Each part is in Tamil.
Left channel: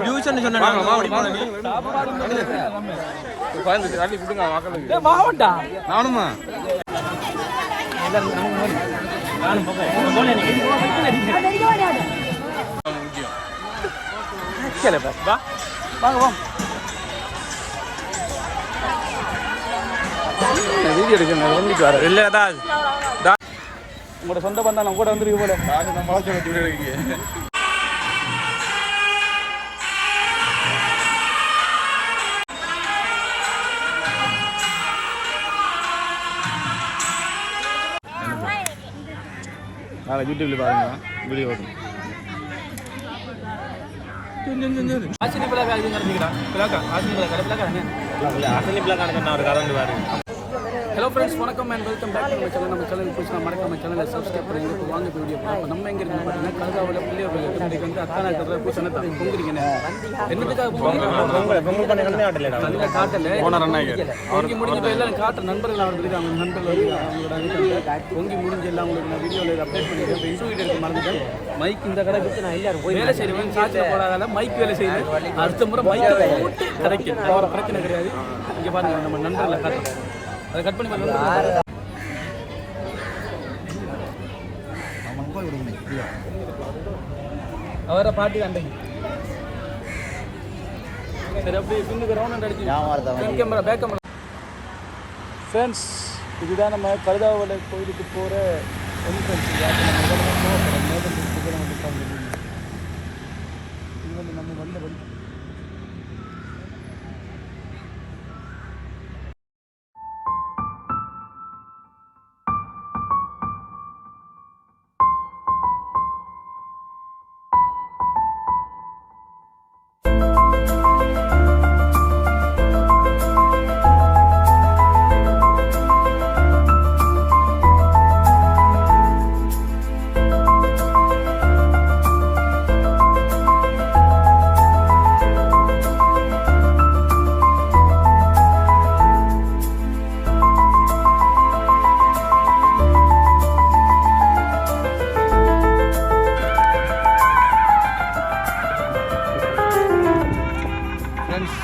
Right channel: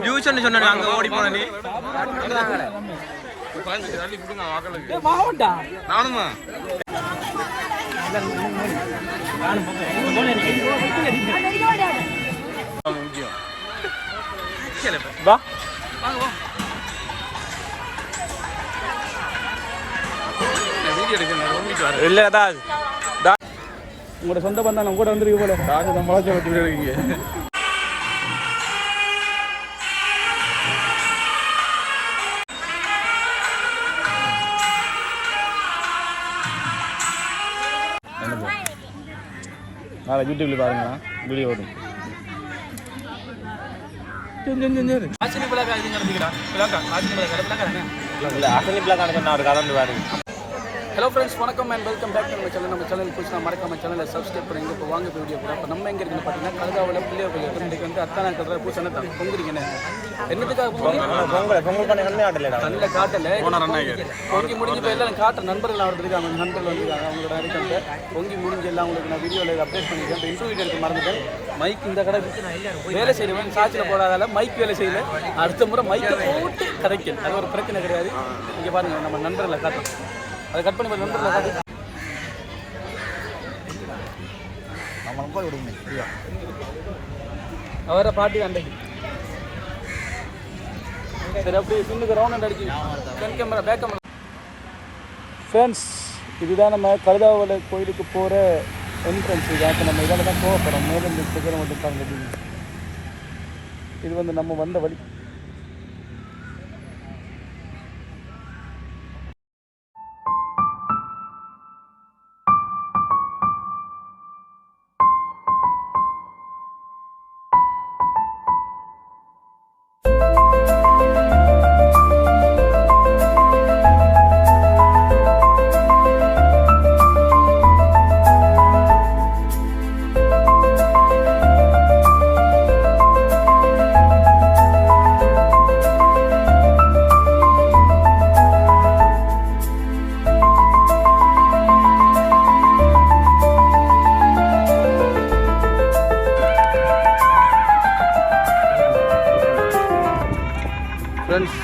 டியூஷன் சொன்ன அங்க ஓடி போன நீ மாவட்டா நானும் வா. வாங்க வா. வீடியோ எடுக்கணும் வந்துட்டு வர இல்லடா உங்களோட சொந்த பந்தம் நம்ம கூட வந்துருக்கு போல. நாங்க நம்மளா சொல்ல துணி எடுக்கீங்க யூடியூப்ல பாருங்க வீடியோ வரும் ஆசினி பிள்ளைக்கா இது நடந்துக்கிறா பிள்ளைக்கா ஆசினி பிள்ளைக்கா பிள்ளைக்கா அசனி பிள்ளை கணக்கு ஒரு கதை பாருங்க. ஹலோ ஃப்ரெண்ட்ஸ் வணக்கம் அண்ட் வெல்கம் பேக் நம்ம சேனல் நம்ம சேனல் புதுசு மறக்காம சேனலை சப்ஸ்கிரைப் பண்ணுங்க இப்போ வாங்க வீடியோ கூட. இப்போ நம்ம எங்க இருக்குன்னு பார்த்தீங்கன்னா கழுதாவில் பிள்ளையோர்கள் இன்றைக்கு வந்து அத்தானா கல்ற பூசணை தான் பொங்குறீங்கண்ணே என்னதுக்காக பொங்குறீங்க பொங்கல் பொங்கல் பண்ண நல்ல காட்டல. பொங்கி முடிஞ்சு இப்போ எல்லாம் காட்டுற நண்பர்கள் வந்துருக்காங்க அவங்க நண்பர்கள் வந்துருக்காங்க அவங்களோட இருக்காங்க பொங்கி முடிஞ்சு எல்லாம் உங்களுக்கு நான் வீடியோவில் அப்டேட் பண்ணிக்கிறேன். இப்போ இன்டர்வியூ எடுக்க மறந்துட்டேன். மைக் இந்த கடை வேலை செய்யறவன் சாட்சியில் போடாதால மைக் வேலை செய்யல அடுத்த முறை மைக்கை போட்டு கதைக்கல் அது ஒரு பிரச்சனை கிடையாது. இங்கே பாருங்க நம்ம நண்பர்களை காட்டுறோம். அதை கட் பண்ணி பாருங்க, நம்ம போய் விடுங்க ஐயா அவரை பாட்டி வந்தேன் சரி அப்படியே பின்னுக்கு ரவுண்ட் அடிச்சு. Front camera back camera friends இதுதான் நம்ம கழுதாவளை கோயிலுக்கு போகிற இது. வந்து நம்ம வந்த வழி. ஃப்ரெண்ட்ஸ்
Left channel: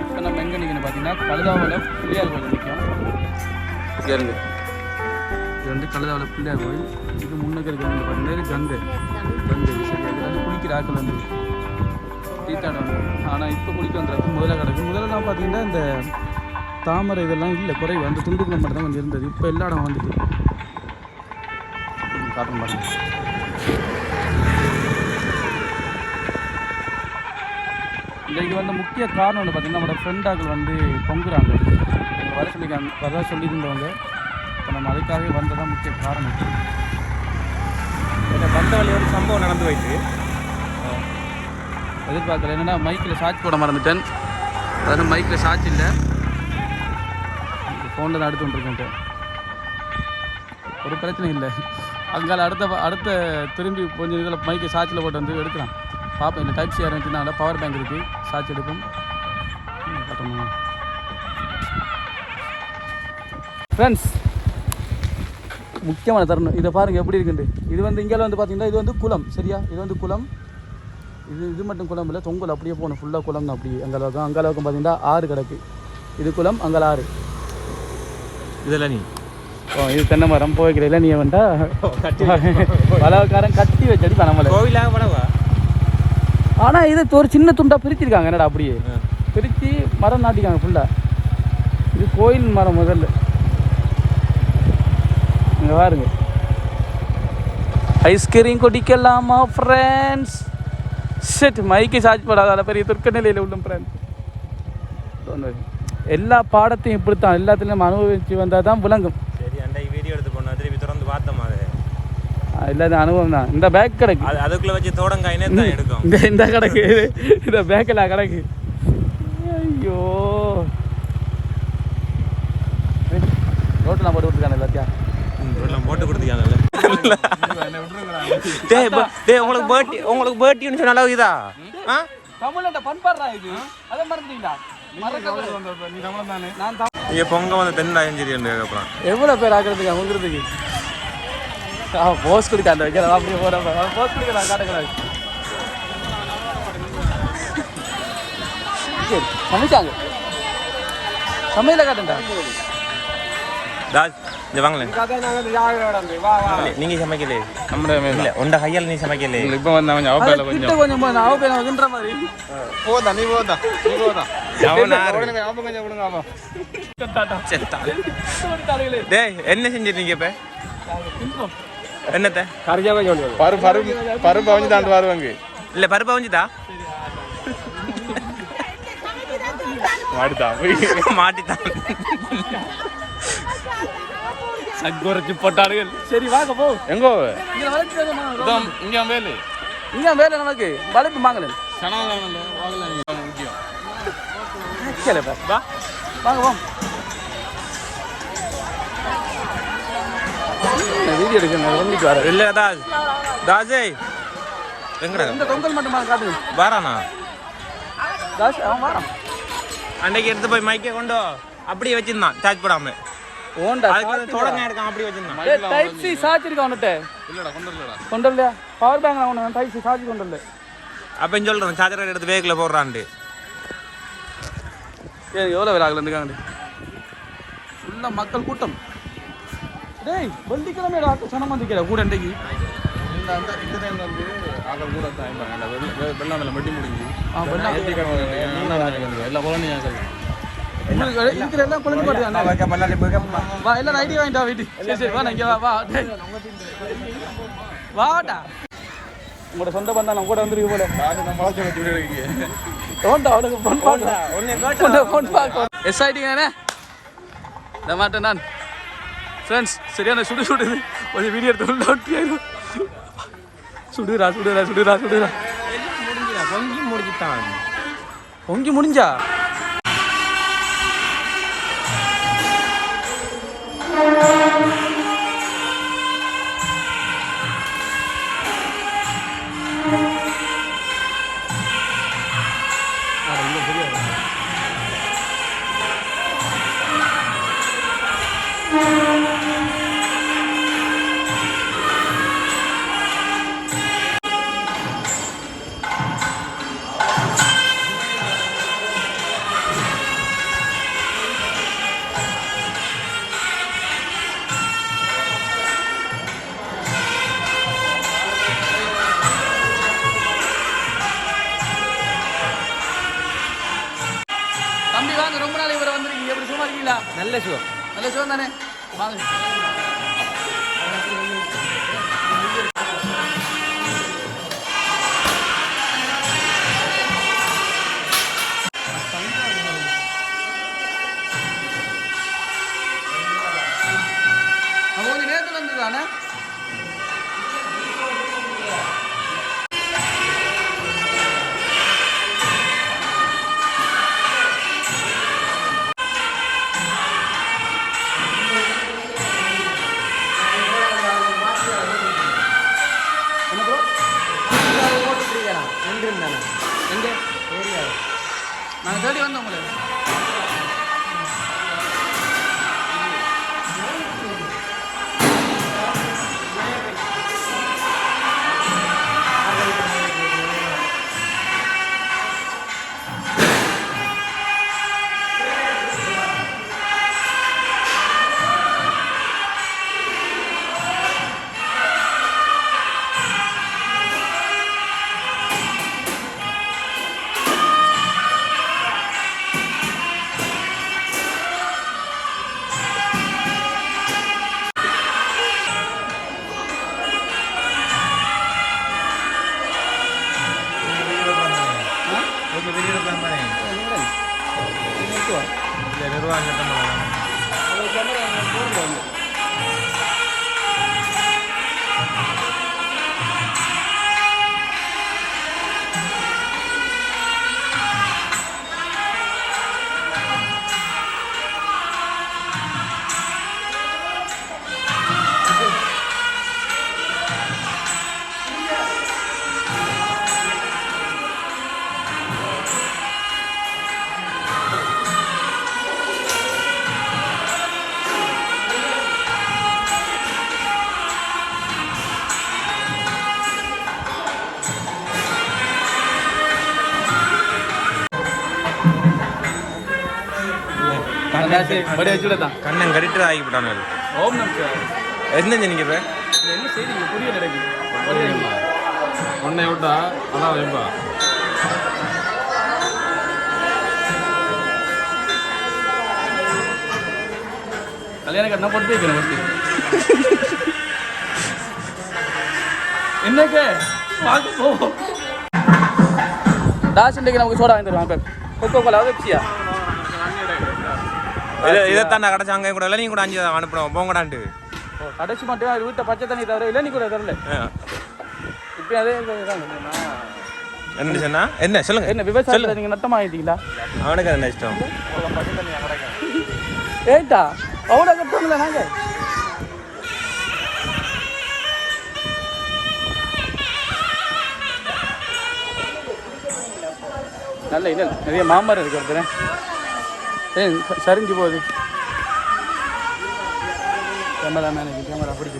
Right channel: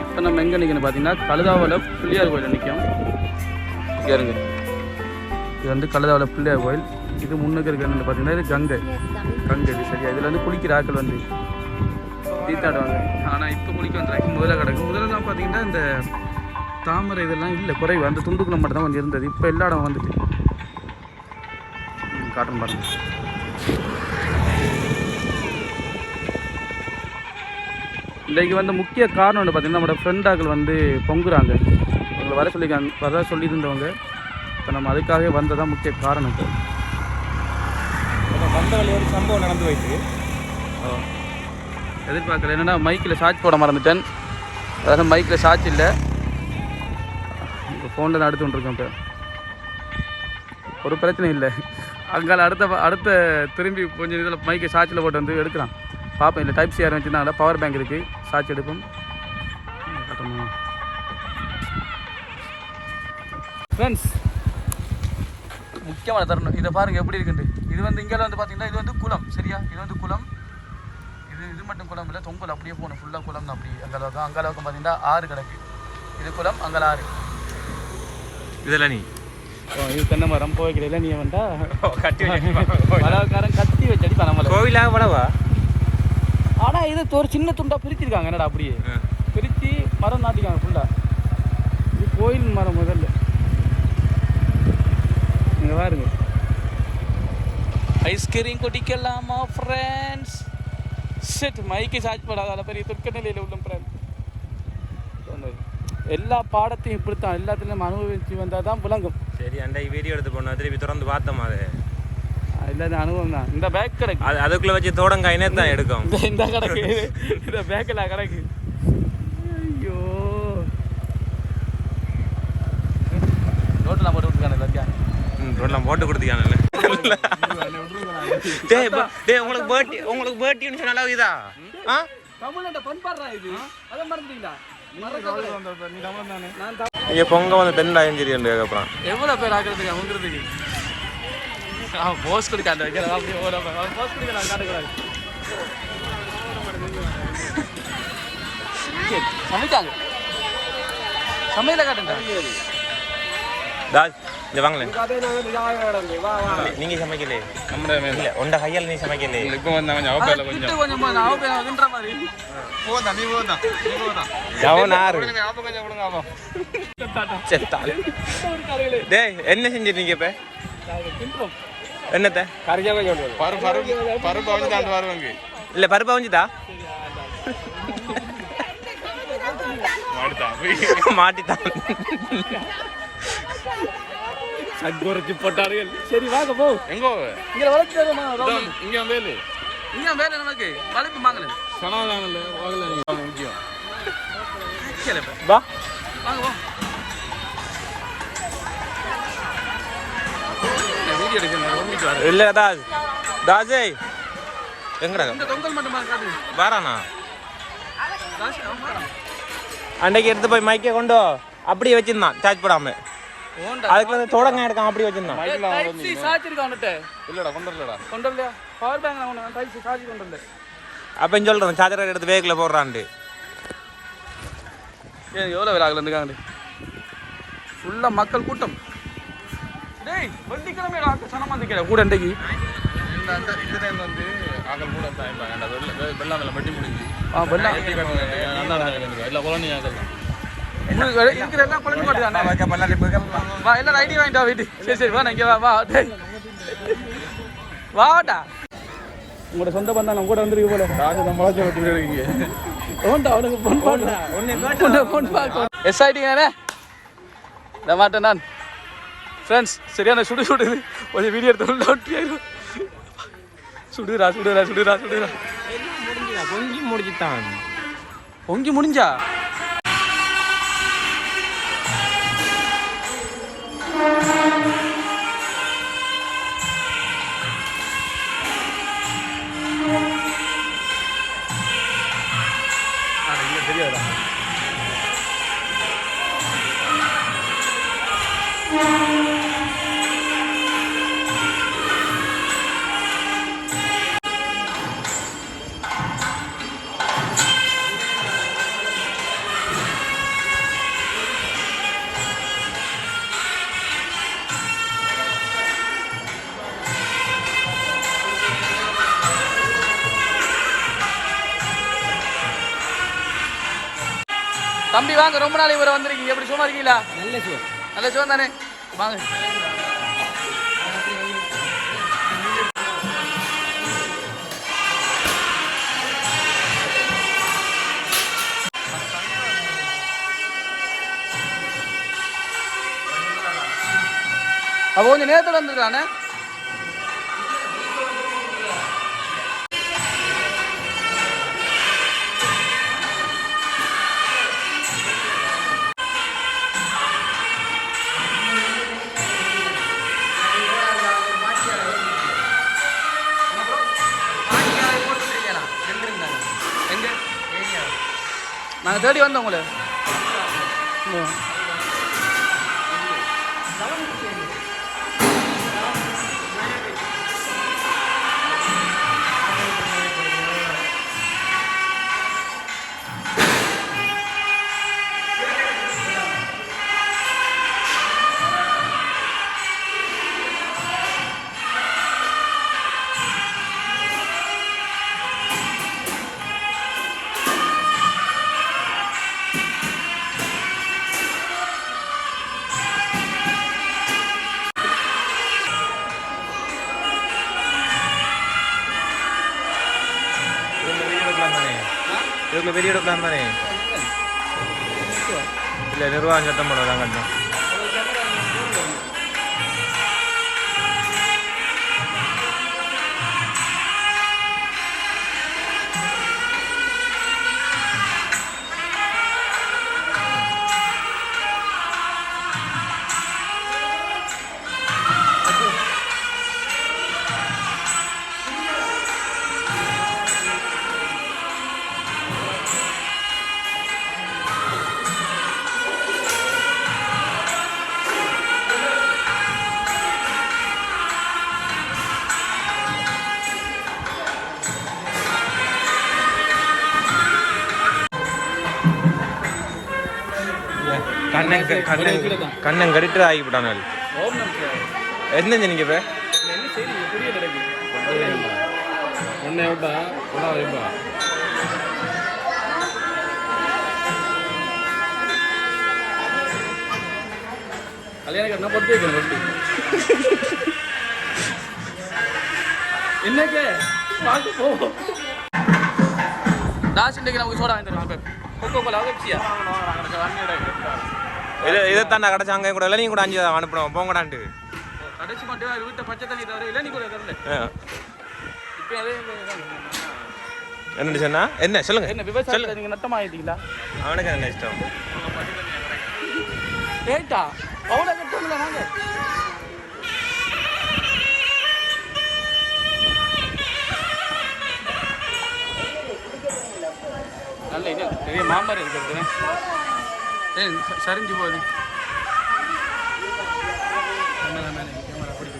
இப்போ நம்ம எங்கே நிற்கணும் பார்த்தீங்கன்னா கழுதாவளை பிள்ளையார் கோயில் நிற்கும் இங்கே இருங்க இது வந்து கழுதாவளை பிள்ளையார் கோயில். இது முன்னுக்கு இருக்கிறது பார்த்தீங்கன்னா இது கங்கை. கங்கை இது சரியா? இதில் வந்து குளிக்கிற ஆட்கள் வந்து தீத்தாடுவாங்க ஆனால் இப்போ குளிக்க வந்துடுறாங்க முதல்ல கிடக்கு முதல்லலாம் பார்த்தீங்கன்னா இந்த தாமரை இதெல்லாம் இல்லை குறைவு. அந்த துண்டுக்குள்ள மட்டும் தான் கொஞ்சம் இருந்தது. இப்போ எல்லா இடம் வந்துட்டு. ம், காட்டுறேன் பாருங்க. இன்றைக்கு வந்து முக்கிய காரணம் வந்து பார்த்திங்கன்னா நம்மளோட ஃப்ரெண்டாக்கள் வந்து பொங்குறாங்க. உங்களை வர சொல்லியிருக்காங்க வர சொல்லியிருந்தவங்க. இப்போ நம்ம அதுக்காகவே வந்ததான் முக்கிய காரணம் வந்த வழி ஒரு சம்பவம் நடந்து போயிட்டு. எதிர்பார்க்கல. என்னென்னா மைக்கில் சார்ஜ் போட மறந்துட்டேன். அதாவது மைக்கில் சார்ஜ் இல்லை. இப்போ ஃபோனில் தான் இப்போ. ஒரு பிரச்சனை இல்லை. அங்கால அடுத்த அடுத்த திரும்பி கொஞ்சம் இதில் மைக்கை சார்ஜில் போட்டு வந்து எடுக்கலாம். பார்ப்போம் இல்லை டைப் சி ஆரம்பிச்சுன்னா பவர் பேங்க் இருக்குது சார்ஜ் எடுக்கும். ஃப்ரெண்ட்ஸ் முக்கியமான தருணம். இதை பாருங்கள் எப்படி இருக்குது இது வந்து இங்கே வந்து பார்த்தீங்கன்னா இது வந்து குளம் சரியா? இது வந்து குளம். இது இது மட்டும் குளம் இல்லை தொங்கல் அப்படியே போகணும். ஃபுல்லாக குளம் தான் அப்படியே அங்கே அளவுக்கு அங்கே அளவுக்கு பார்த்தீங்கன்னா ஆறு கிடக்கு. இது குளம் அங்கே ஆறு. இதெல்லாம் நீ? ஓ இது தென்னை மரம் போய்க்கிறதுல நீ வந்தா அளவுக்காரன் கட்டி வச்சடி பண்ண கோவிலாக படவா? ஆனால் இது ஒரு சின்ன துண்டா பிரிச்சிருக்காங்க. என்னடா அப்படியே? பிரித்து மரம் நாட்டிக்காங்க ஃபுல்லாக இது கோயில் மரம் முதல்ல. இங்கே பாருங்க. ஐஸ்கிரீம் குடிக்கலாமா ஃப்ரெண்ட்ஸ் செட் மைக்கு சார்ஜ் போடாத. பெரிய துர்க்க நிலையில் உள்ளும் ஃப்ரெண்ட்ஸ் எல்லா பாடத்தையும் இப்படித்தான். எல்லாத்துலேயும் அனுபவிச்சு வந்தால் தான் விளங்கும். சரி அன்றைக்கு வீடியோ எடுத்து போனோம் திருப்பி திறந்து பார்த்தோம் அது. இல்லாத அனுபவம் தான். இந்த பேக் கிடக்கு. அது அதுக்குள்ள வச்சு தோடங்காயினே தான் எடுக்கும். இந்த இந்த கிடக்கு. இந்த பேக்கில் கிடக்கு. ஐயோ. ரோட்டில் போட்டு ம் ரோட்லாம் போட்டு கொடுத்தியானல்ல டேய் உங்களுக்கு பேர்ட்டி உங்களுக்கு பேர்ட்டின்னு சொன்ன அளவு இதா ஆ? தமிழ்ல பண்பாடுறா இது. அதை மறந்துட்டீங்களா? நான் தான் இங்கே பொங்க வந்து தென் அயஞ்சிரி அப்புறம் எவ்வளோ பேர் ஆக்கிறதுக்கு வந்துருதுக்கு போஸ்ட் கொடுக்க அந்த கொடுக்க நான் காட்டுக்கிறேன் சரி சமைச்சாங்க. சமையல காட்டுண்டா. இங்க வாங்களேன் நீங்க சமைக்கலே இல்ல உண்ட கையால் நீ சமைக்கலே இப்போ வந்தவன் கிட்ட கொஞ்சம். போய் நான் வின்ற மாதிரி. போதா நீ போதா நீ போதா. கொஞ்சம் டேய் என்ன செஞ்சிருக்கீங்க இப்ப? என்னத்த? பரு பரு பருப்பு வந்து தாண்டு வருவாங்க இல்ல பருப்பா வஞ்சுதா மாடுதான் மாட்டித்தான். சக்குரைச்சி போட்டார்கள். சரி வாங்க போ. எங்க? இங்க வரைக்கும் இங்க வேலை. நமக்கு. கனவுல வாங்கல. சரி வா. வாங்க போ வீடியோ எடுக்கணும் இல்ல தாஸ் தாஸே எங்கடா இந்த தொங்கல் மட்டும் பாருங்க, காட்டுங்க வாரானா காசு அவன் வாரான் அன்னைக்கு எடுத்து போய் மைக்கே கொண்டு வா. அப்படியே வச்சிருந்தான் சார்ஜ் போடாம ஓண்டா அதுக்குள்ள தொடங்க எடுக்காம அப்படியே வச்சிருந்தான் டைப் சி சாச்சிருக்கா வந்துட்டு இல்லடா கொண்டு வரலடா கொண்டு வரலையா பவர் பேங்க் நான் ஒன்று டைப் சி சார்ஜ் கொண்டு வரல அப்ப சொல்றேன் சார்ஜர் எடுத்து வேக்கில் போடுறான்ட்டு ஏன் எவ்வளோ பேர் ஆகல இருக்காங்க ஃபுல்லாக மக்கள் கூட்டம் டேய் வெள்ளிக்கிழமை ஆக்க சொன்ன மாதிரி கூட இன்றைக்கு. இருக்கிற எல்லாம் குழந்தை பாட்டு தானே வா எல்லாம் ஐடி வாங்கிட்டா வீட்டு. சரி சரி வா நான் இங்கே வா வா வாடா. உங்களோட சொந்த பந்தம் நம்ம கூட வந்துருக்கு போல. ஓண்டா அவனுக்கு ஃபோன் பண்ணா. உன்னை ஃபோன் பார்க்க எஸ்ஐடி தானே? இந்த மாட்டேன் நான். ஃப்ரெண்ட்ஸ் சரியான சுடு சுடுது கொஞ்சம் வீடியோ எடுத்து உள்ள ஒட்டியாயிரும் சுடுறா சுடுறா சுடுறா சுடுறா. பொங்கி முடிச்சுட்டான் பொங்கி முடிஞ்சா? தம்பி இருக்கீங்களா நல்ல ஷோ நல்ல சுகம் தானே? வாங்க. அப்போ கொஞ்சம் நேரத்தில் வந்துருக்கானே தேடி வந்தோம் உங்களை. पाँच हज़ार கண்ணன் கண்ணன் கடிட்டு ஆகிவிட்டானு என்ன நீங்க இப்ப? உன்னை விட்டா அதான் வைப்பா கல்யாணம் கட்டினா பொட்டு வைக்கணும் ஃபஸ்ட்டு வாங்க போவோம் இன்றைக்கு நமக்கு சோடா வாங்கி தருவாங்க கொக்கோ கோலா வெப்சியா இதை இதைத்தான் நான் கடைச்சாங்க கூட இல்லை நீங்க கூட அஞ்சு அனுப்புறோம் போங்கடான்ட்டு கடைசி மட்டும் அது ஊத்த பச்சை தண்ணி தவிர இல்லை நீ கூட தரல. இப்போ அதே. என்ன சொன்னா? என்ன சொல்லுங்க. என்ன விவசாயத்தில் நீங்கள் நட்டமாக ஆகிட்டீங்களா அவனுக்கு என்ன இஷ்டம்? ஏட்டா அவ்வளோ கட்டமில்ல நாங்கள் நல்ல இது நிறைய மாமரம் இருக்கு ஏய் சரிஞ்சு போகுது கேமரா மேன் இது கேமரா பிடிக்க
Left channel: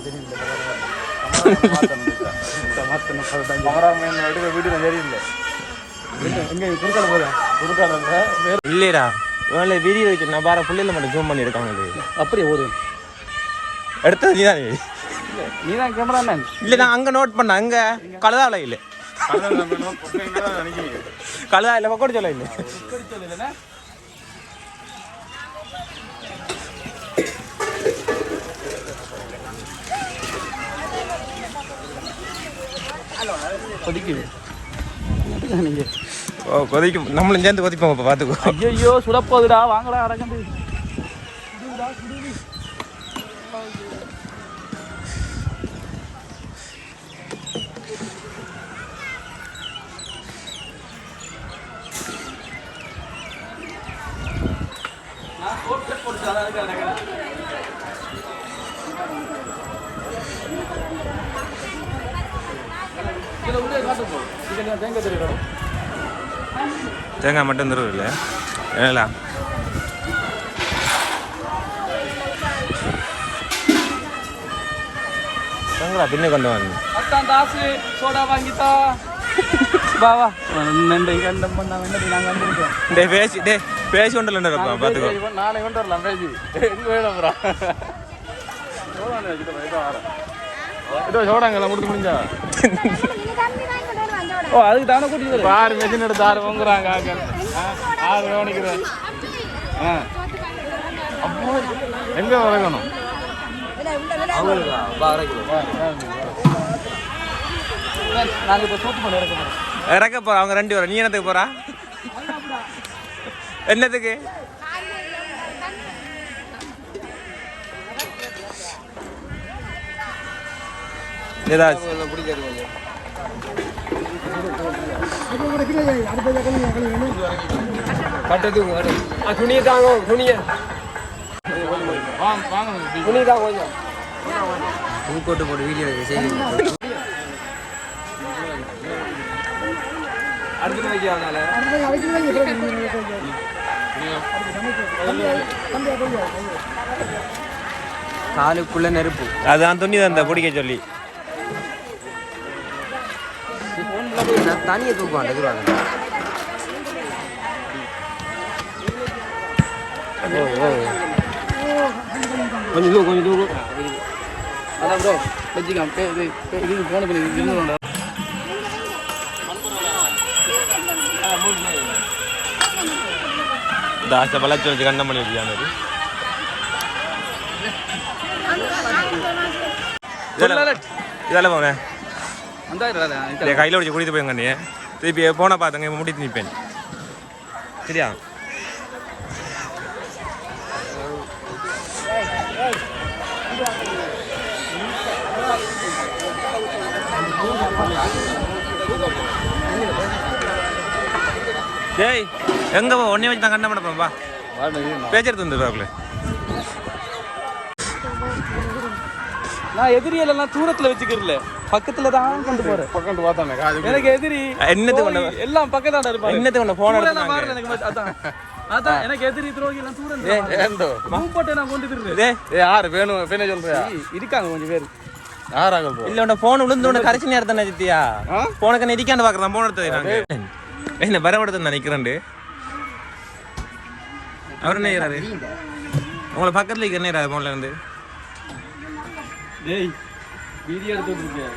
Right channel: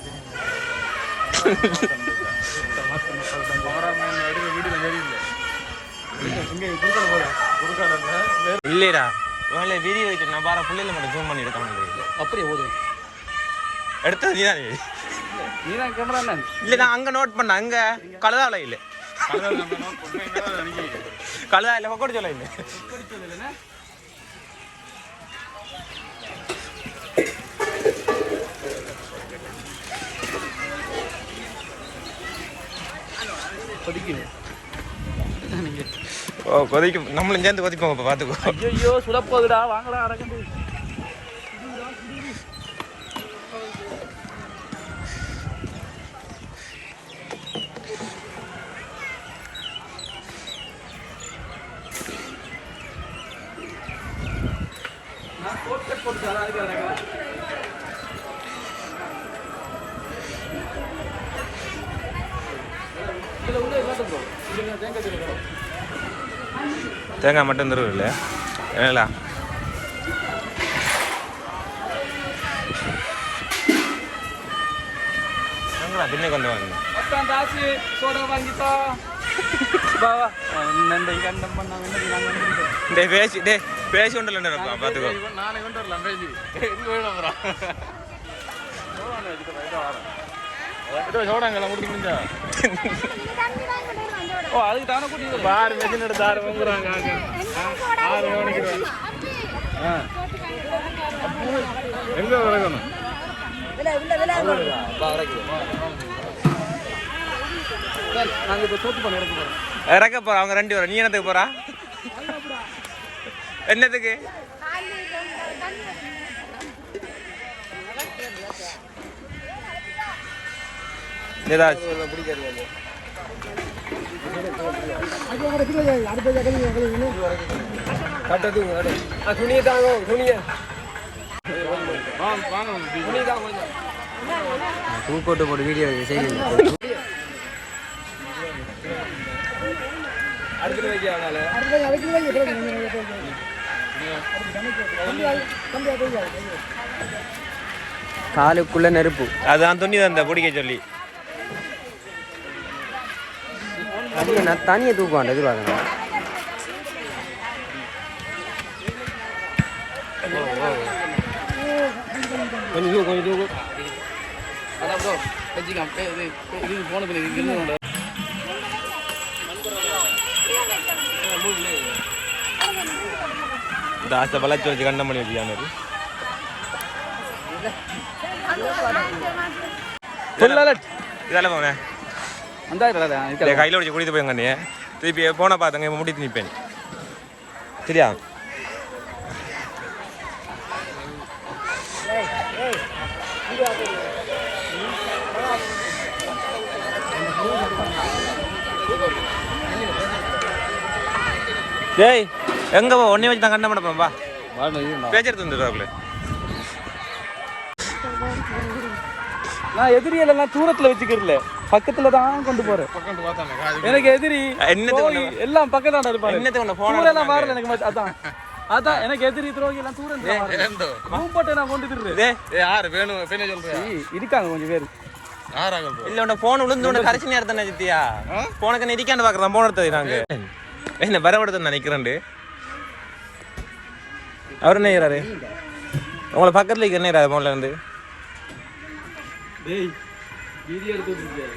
இல்லைடா. இவங்கள வீடியோ வைக்க நான் பார பிள்ளைல மட்டும் ஜூம் பண்ணி இருக்காங்களே அப்படியே ஓடுவேன் எடுத்தது நீ தான் நீ. தான் கேமரா மேன் இல்லை நான் அங்கே நோட் பண்ண அங்கே கழுதாவில் இல்லை. கழுதா இல்லை பக்கோடு சொல்ல இல்லை. கொதிக்குது. ஓ கொதிக்கும். நம்மளும் சேர்ந்து கொதிப்போம் இப்போ பார்த்துக்கோ ஐயோ சுடப்போகுதுடா. வாங்கடா அடக்கண்டு இதில் உள்ளே தேங்காய் மட்டும் தருவது இல்லை ஏங்களா தேங்காய் பின்ன கொண்டு வந்து அத்தான் தாசு சோடா வாங்கித்தா வா வா. நண்டை கண்டம் பண்ணா என்ன நாங்கள் வந்துருக்கோம் டே பேசி டே பேசி கொண்டு இருப்போம் பார்த்துக்கோ. நானே கொண்டு வரலாம் பேசி. எங்க வேணும் ப்ரா இதோ சோடாங்க கொடுத்து முடிஞ்சா ஓ அதுக்கு தானே கூட்டிட்டு ஆறு மெஷின் எடுத்து ஆறு வாங்குறாங்க ஆக. ஆ, ஆறு கவனிக்கிறேன். ஆ. எங்க வளர்க்கணும்? நாங்கள் இப்போ சோத்து பண்ணி இறக்க போறோம் அவங்க ரெண்டு பேரும். நீ என்னத்துக்கு போறா? என்னத்துக்கு? ஏதாச்சும் வாங்க வாங்க அடுத்து வைக்க அதனால காலுக்குள்ள நெருப்பு. அதான் துணி தான் பிடிக்க சொல்லி. தண்ணியை தூக்குவாங்க எதிராக கொஞ்சம் தூக்கு கொஞ்சம் தூக்கு. அதான் ப்ரோ வச்சுக்கலாம். இது போனது வச்சுக்காங்க இதெல்லாம் அந்த கையில் வச்சு குடித்து போய் கண்ணே திருப்பி போன பார்த்துங்க முடித்து நிற்பேன். சரியா? டேய் எங்க போ? ஒன்னே வச்சு தான் கண்டம் பண்ண போறோம் வா. பேச்சுறது வந்துடுறாங்களே நான் எதிரி எல்லாம் தூரத்துல வச்சுக்கிறல பக்கத்துல தான் கொண்டு போறேன் பார்த்தானே? எனக்கு எதிரி ஒண்ணு துரோகி எல்லாம் பக்கத்தாண்ட இருப்பாங்க. என்னத்துக்கு ஒண்ணு போன எனக்கு அதான். அதான் எனக்கு எதிரி துரோகி எல்லாம் தூரம் ஏண்டோ ரூம் போட்டு நான் கொண்டு திருறேன் இதே ஏ யாரு? வேணும் பேனே சொல்றியா? இருக்காங்க கொஞ்சம் பேர். இல்ல உன போன் விழுந்து உன கடைசி நேரத்தை நினைச்சிட்டியா போனுக்கு நெரிக்காண்டு பாக்குறேன் போன் எடுத்தது நாங்க என்ன பரவடத்தை நினைக்கிறேன் அவர் என்ன செய்யறாரு உங்களை பக்கத்தில் என்ன இருக்கு முதல்ல இருந்து? டேய் வீடியோ எடுத்துட்டு இருக்கேன்.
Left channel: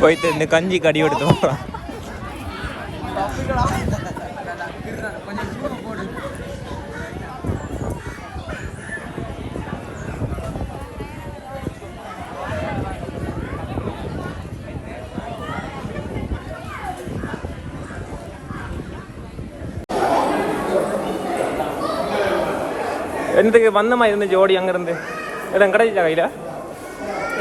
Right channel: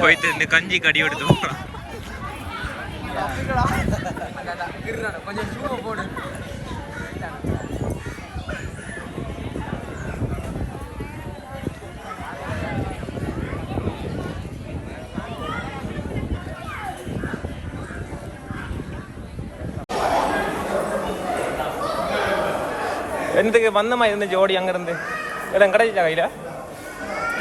போயிட்டு இந்த கஞ்சி கடி எடுத்து போகலாம் வந்த மாதிரி இருந்துச்சு ஓடி அங்கிருந்து இல்லை கிடைக்கல கையில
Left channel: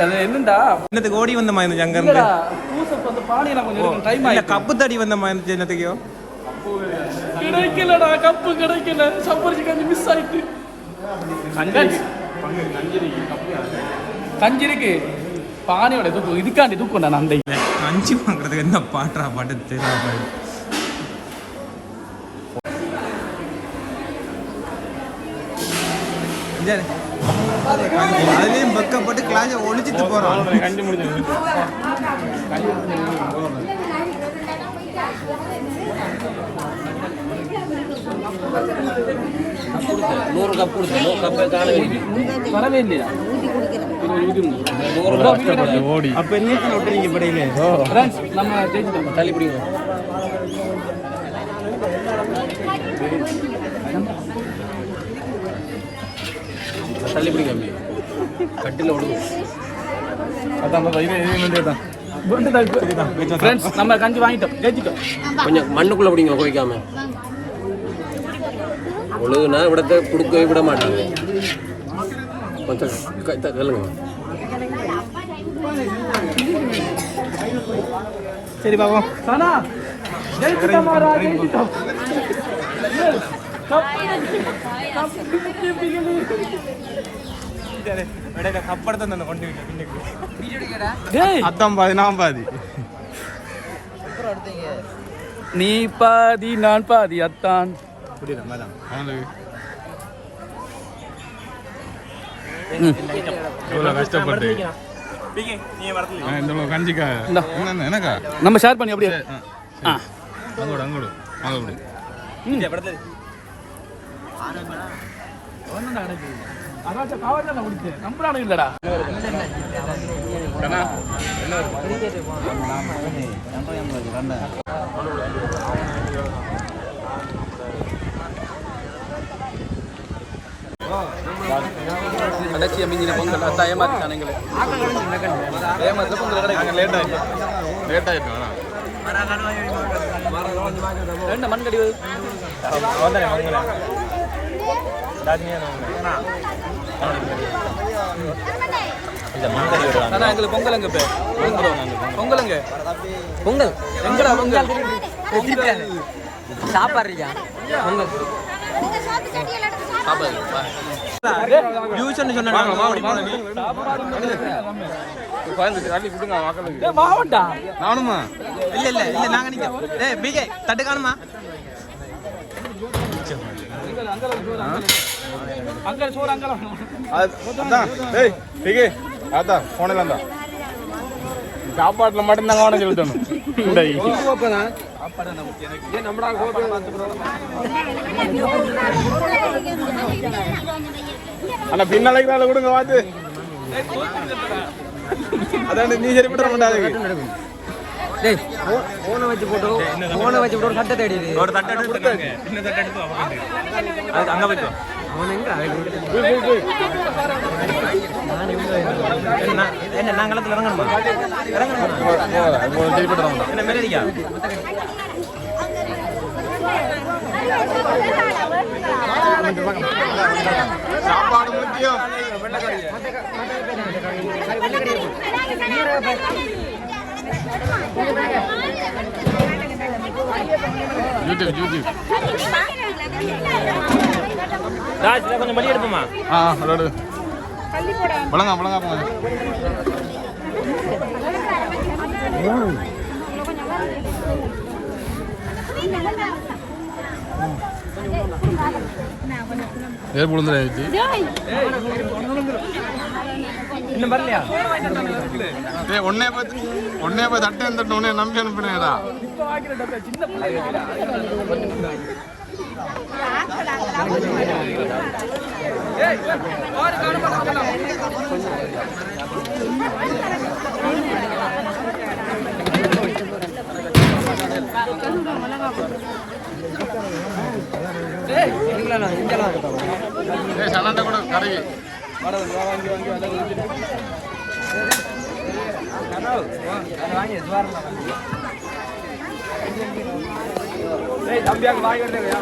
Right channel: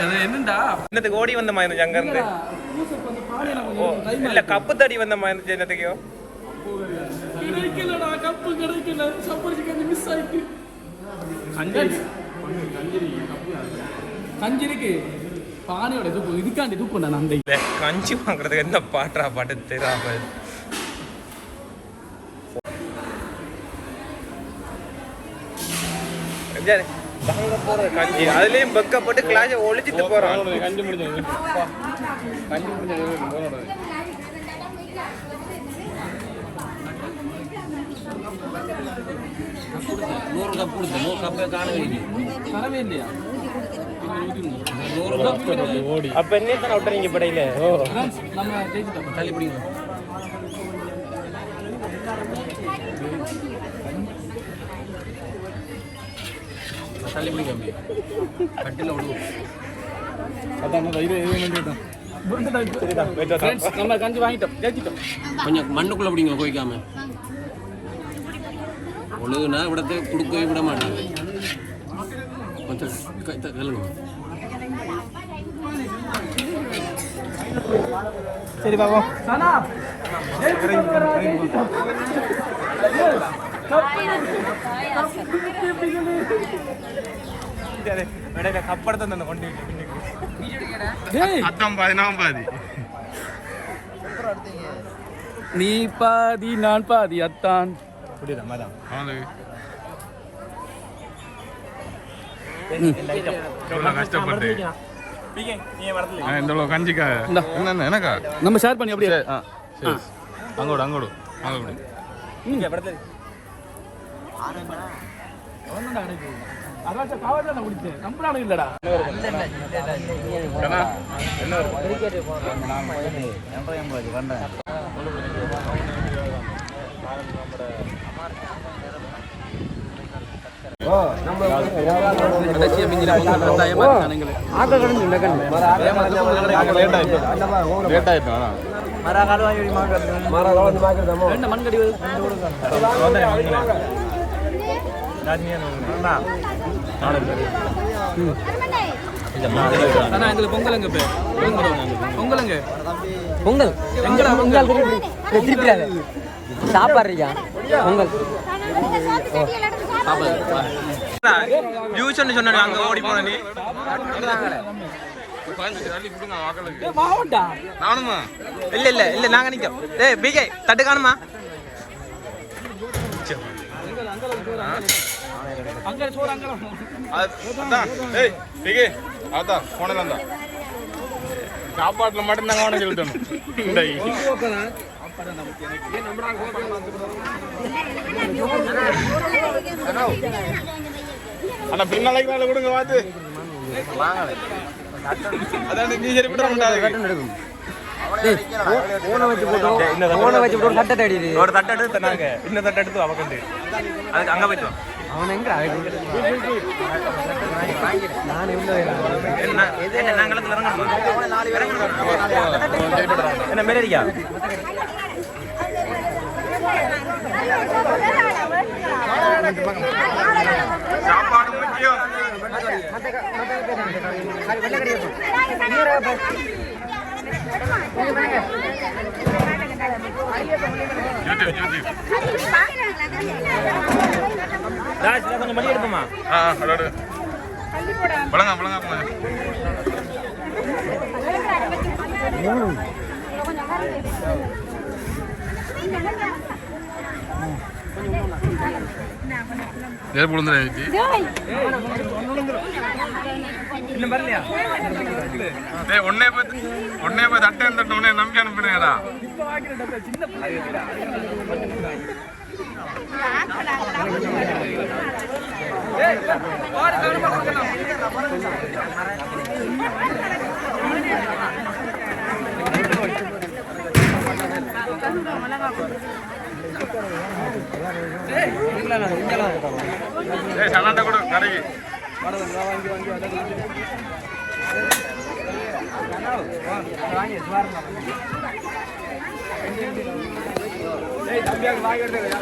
அது என்னடா என்னத்துக்கு ஓடி வந்த மாதிரி இருந்துச்சு அங்கிருந்து இல்லடா பூசப் வந்து பானை நான் கொஞ்சம் இருக்கும் டைம் இல்ல, ஆயிடுச்சு கப்பு தடி வந்த மாதிரி இருந்துச்சு என்னத்துக்கோ கிடைக்கலடா கப்பு கிடைக்கல சம்பரிச்சு கஞ்சி மிஸ் ஆயிட்டு கஞ்சி இருக்கு பானையோட தூக்கு இதுக்காண்டி தூக்கம் நான் அந்த இந்த கஞ்சி வாங்குறதுக்கு என்ன பாட்டா பாட்டு தெரியாம அதுலயும் பக்கப்பட்டு கிளாஸை ஒழிச்சிட்டு போறான். நூறு கப் கொடுத்து நூறு கப்பை காண வேண்டியது வரவே இல்லையா? நூறு கப். அப்ப நம்ம ஜெயிச்சிட்டோம் தள்ளி தள்ளி பிடிங்க அப்படி கட்டில ஃப்ரெண்ட்ஸ் நம்ம கஞ்சி வாங்கிட்டோம். ஜெயிச்சிட்டோம். கொஞ்சம் மண்ணுக்குள்ள பிடிங்க குவைக்காம ஒழுகுனா விடத்தை கொடுக்கவே விட மாட்டாங்க. கொஞ்சம் சொல்லுங்க. சரி பாப்போம். சனா அந்த கொண்டு பின்னுக்கு பாதி நான் பாதி நீ பாதி நான் பாதி அத்தான் அவனுக்கு இவ்வளோ கஷ்டப்பட்டு இந்த கஞ்சிக்கா என்ன எனக்கா நம்ம ஷேர் பண்ணி அப்படியே ஆ அங்கோடு அங்கோடு படத்தை அதாச்சும் நான் குடிச்சேன் நம்புறானு இல்லடா. கடைசியா மிஞ்சின பொங்கல் பார்த்தா ஏமாத்திட்டான் எங்களை ஏமாத்துல பொங்கல் கிடைக்கும் லேட் என்ன மண்கடி வருது வந்தனே வாங்கனே இல்ல எங்களுக்கு பொங்கல் எங்க பே பொங்கல். எங்க? பொங்கல். எங்கடா பொங்கல்? ஜூஸ்னு சொன்னாங்க அங்க ஓடி போன நீ. மாவட்டா? நானுமா இல்ல இல்ல இல்ல நாங்க நிக்கோம் ஏய் பிகே தட்டு காணுமா அங்க சோறு அங்க ஏய் பிகே அதான் தான் சாப்பாட்டில் மட்டும் நாங்கள் அவனை சொல்லிட்டோம் அண்ணா பின்னாலைக்கு நாள் கொடுங்க பார்த்து. அதான் நீ சரிப்பட்டு போனை வச்சு போட்டோம் போனை வச்சு போட்டு சட்டை தேடி ஒரு தட்டு எடுத்து நாங்க இன்னும் தட்டு எடுத்து அவக்கண்டு அதுக்கு அங்க போயிட்டு வா. என்ன என்ன நாங்களத்துல இறங்கணுமா இறங்கணுமா? என்ன மெரியா சாப்பாடு முக்கியம். யூடியூப் யூடியூப் ராஜ் கொஞ்சம் மணி எடுப்போமா? ஆ அதோடு வழங்கா வழங்கா போங்க. Thank you. நெருப்பு விழுந்துருச்சு ஒன்னே பார்த்து ஒன்னே பார்த்து அட்டை இருந்துட்டு உடனே நம்பி அனுப்பினேடா டேய் கூட கடைக்கு கூட வந்து வந்த நீ கூட வாங்க வாங்க வாங்க அடுத்து அடுத்து அடுத்து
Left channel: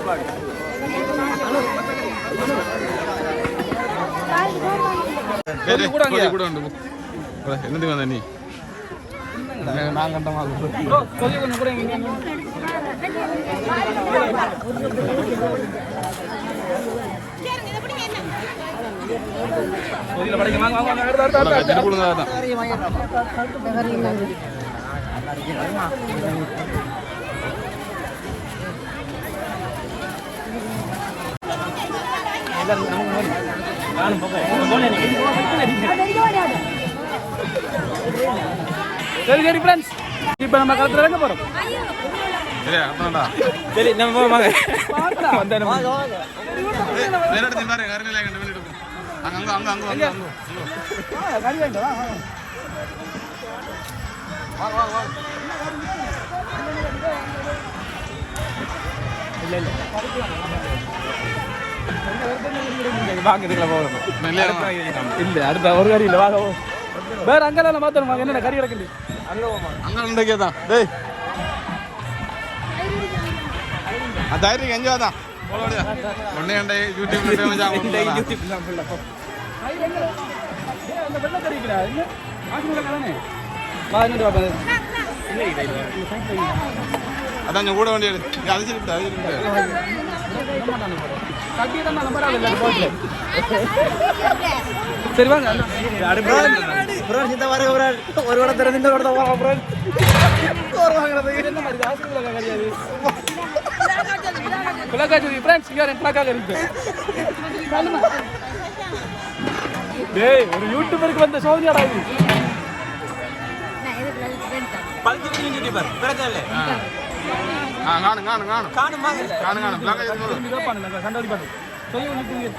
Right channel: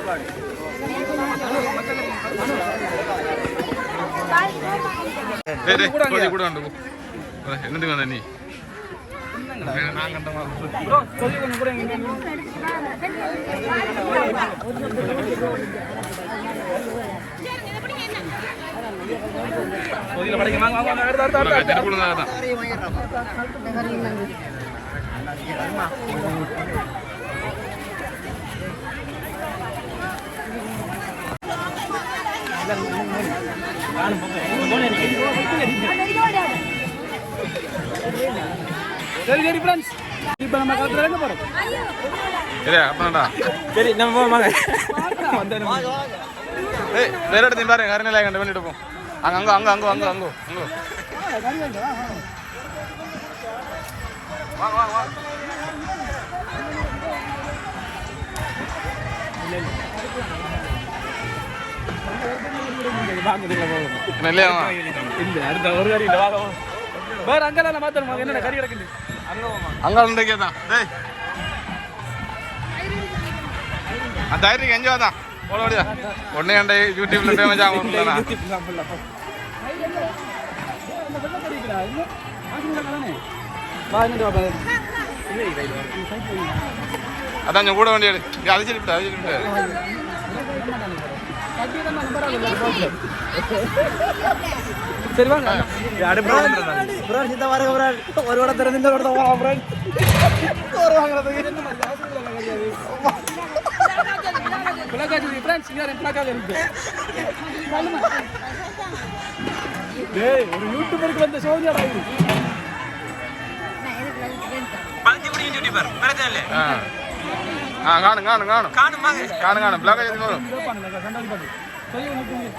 அடுத்து கட்டி கொடுங்க தான் சரி சரி ஃப்ரெண்ட்ஸ் இப்போ நம்ம களத்துல இறங்க போறோம் சரியா அப்புறம்டா சரி நம்ம போவோம் வாங்க வந்தேன் ஏய் வேற இடத்துல பாரு கருநிலை கண்டு பண்ணிட்டு போ அடுத்த ஒரு கறி இல்ல வாங்க. வேற அங்கெல்லாம் மாத்தணும் என்னென்ன கறி கிடக்குது? அங்க உண்டக்கே தான். டேய். அதாயிரம் எங்க வாதான் போட ஓடியா ஒன்னே கண்ட யூடியூப்ல ஃபேமஸ் ஆகும் அதான் கூட வண்டி எடு அது சரி அது சரி கட்டி தான் நம்பர் ஆகல போட்ல சரி வாங்க ஒரு வடை திறந்து இந்த வடை போவோம் அப்புறம் என்ன மாதிரி ஆசிரியர் கறியாது பிளக்காச்சு ஃப்ரெண்ட்ஸ் இங்க பிளக்காக இருக்கு டேய் ஒரு யூடியூபருக்கு வந்த சோதியாடா இது. பழுத்து முடியும் யூடியூபர் பிரச்சனை இல்லை ஆ காணும் காணும் காணும். காணும் காணும் காணும் பிளாக் பண்ணுங்க கண்டாடி பாட்டு சொல்லி ஒன்று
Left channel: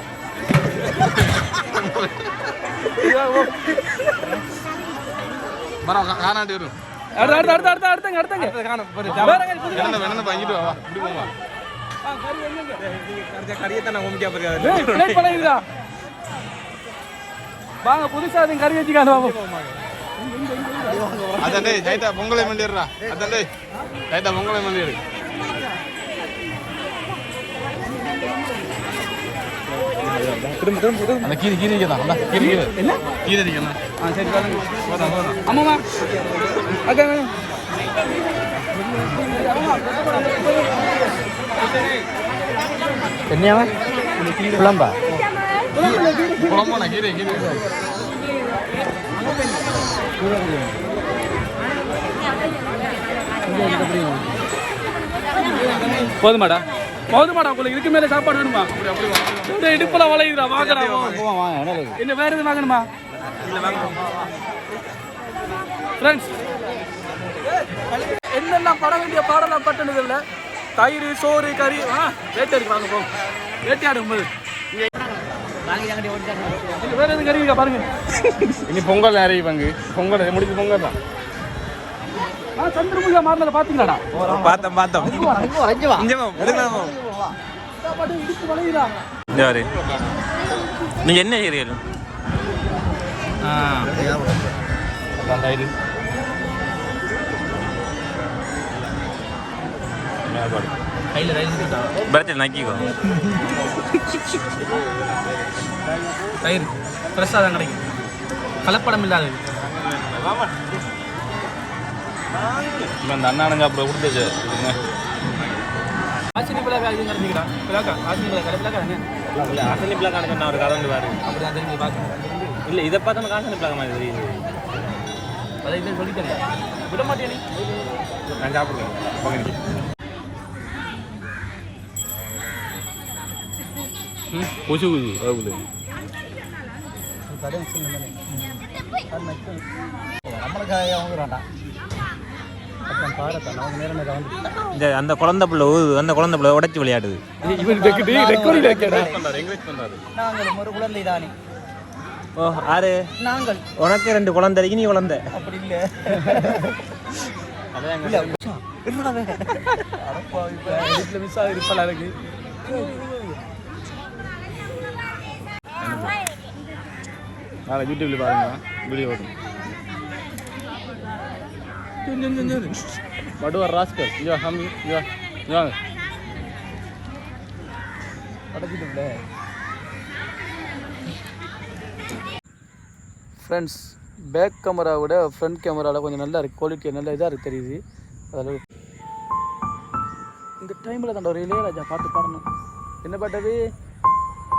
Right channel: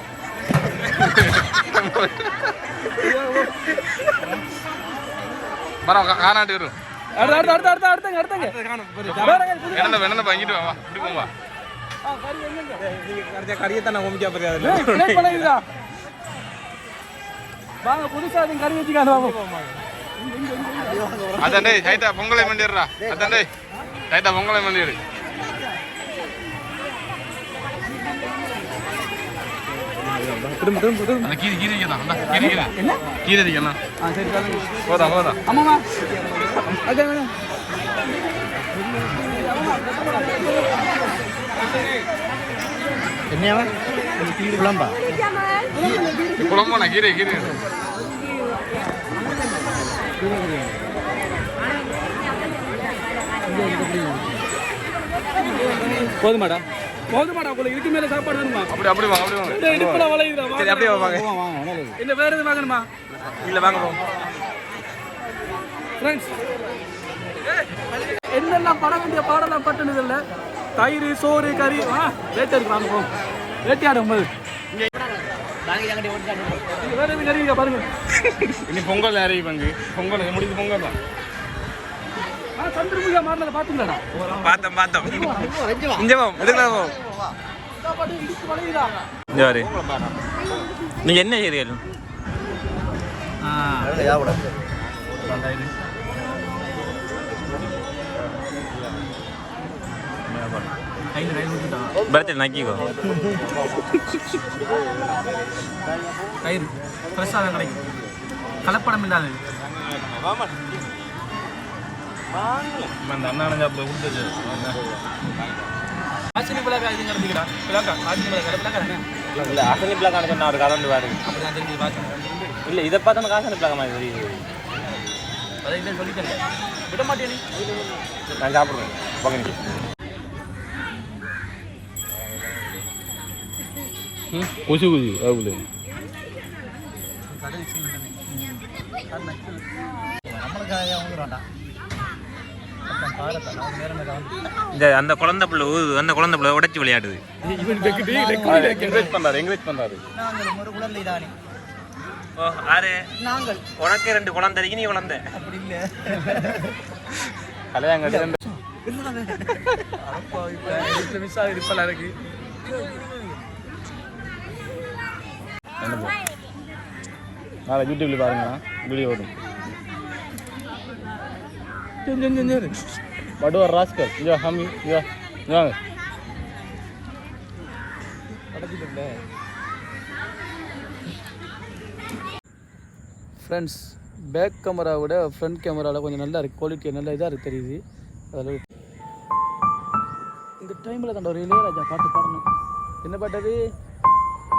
மரம் காணாட்டி வரும். அடுத்த அடுத்த அடுத்த அடுத்த அடுத்தங்க அடுத்தங்க என்னென்ன வேணும் வாங்கிட்டு வா இப்படி போவா வாங்க புதுசா அதுங்க கறி வச்சுக்காது பாபு அதான் டேய் ரைட்டா பொங்கலை மண்டிடுறா. அதான் டேய் ரைட்டா பொங்கலை மண்டிடு. அந்த கீரி கீரி தான் அந்த கீரி கீரி. என்ன? கீரி அடிக்கணும். ஆ சரி பாருங்க போதா போதா ஆமாம்மா ஓகே குழம்புண்ணா கீரை கீரை. போதுமாடா. போதுமாடா உங்களுக்கு இதுக்கு மேல சாப்பாடு வேணுமா? அப்படி அப்படி வா, அப்படி வா. இந்த இடுப்புல வளையுதுடா அப்படியே வாங்க. வாங்க. இல்ல வேற எதுவும் வாங்கணுமா? இல்லை வாங்க ஃப்ரெண்ட்ஸ் என்னெல்லாம் பட வேண்டிய பாடலாம் பட்டுனது இல்லை? தயிர் சோறு கறி. ஆ வேட்டை இருக்கு வாங்க போகும் வேட்டையாடும் போது வேற எதுவும் கறி இருக்கா பாருங்க. இனி பொங்கல் நிறைய பங்கு பொங்கல் முடிஞ்சு பொங்கல் தான். ஆ சந்திரமுகியா மாறினதை பார்த்தீங்களாடா பார்த்தோம் பார்த்தோம் போ இங்கே வாரு நீங்கள் பிரச்சனை நக்கிக்கோ தயிர் ஃப்ரெஷ்ஷாக தான் கிடைக்கும் கலப்படம் இல்லாதது அந்த அண்ணானங்க அப்புறம் கொடுத்தது ஆசினி இது கிடைச்சிக்கிறா பிள்ளைக்கா ஆசினி பிள்ளைக்கா தானே இல்லை அசனி பிளாக் சொன்ன ஒரு கதை பாரு அப்படி தான் தெரிஞ்சு பார்த்து இல்லை இதை பார்த்தா காசனி பிளாக் மாதிரி தெரியுது அதை சொல்லித்தரல விட மாட்டேன் நான் சாப்பிடுவேன் பகனிக்கு குசி குசி ஆகுது இந்த அந்த குழந்தை பிள்ளை ஊது அந்த குழந்தை பிள்ளை உடைச்சி விளையாடுது. ஓ ஆறு. நாங்கள். உனக்கு ரெண்டு குழந்தை இருக்கு நீ குழந்தை. அப்படி இல்லை. மிஸ் ஆகிருப்பா இருக்கு. நாளை யூடியூப்ல பாருங்க. வீடியோ வரும் வடுவார் ராஸ்கர் யோ ஹம் யோ இங்க ஃப்ரெண்ட்ஸ் பேக் கேமரா விட ஃப்ரண்ட் கேமராவில் கொஞ்சம் நல்லா இருக்குது குவாலிட்டி நல்லா இதாக இருக்குது தெரியுது. அதில் இந்த டைமில் தான் ஒரு இளையராஜா பாட்டு பாடணும். என்ன பாட்டது